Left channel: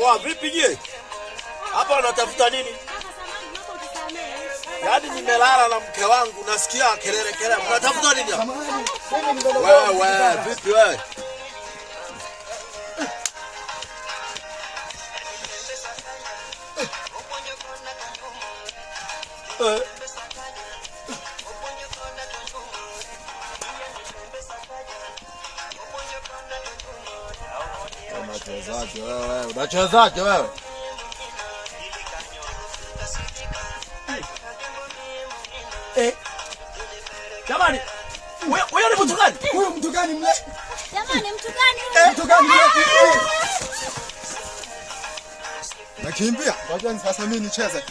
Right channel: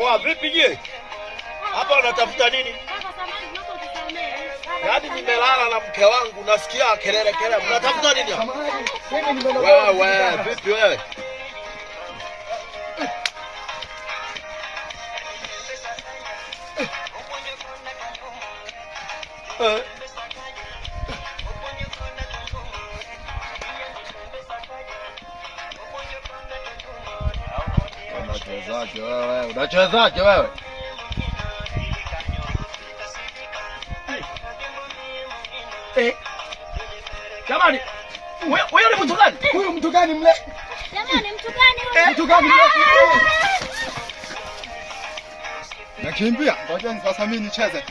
Oa vipi je? Hapa unatafuta nini? Yaani nimelala na mke wangu nasikia kelele. Unatafuta nini hapa? Wewe vipi wewe? Unachezaje wewe? Jamani, wewe ni mtu gani? Huyu mtu gani mle? Jamani, mtu gani? Mtu gani mle? Nakimbia. Ngoja sasa mimi nicheze.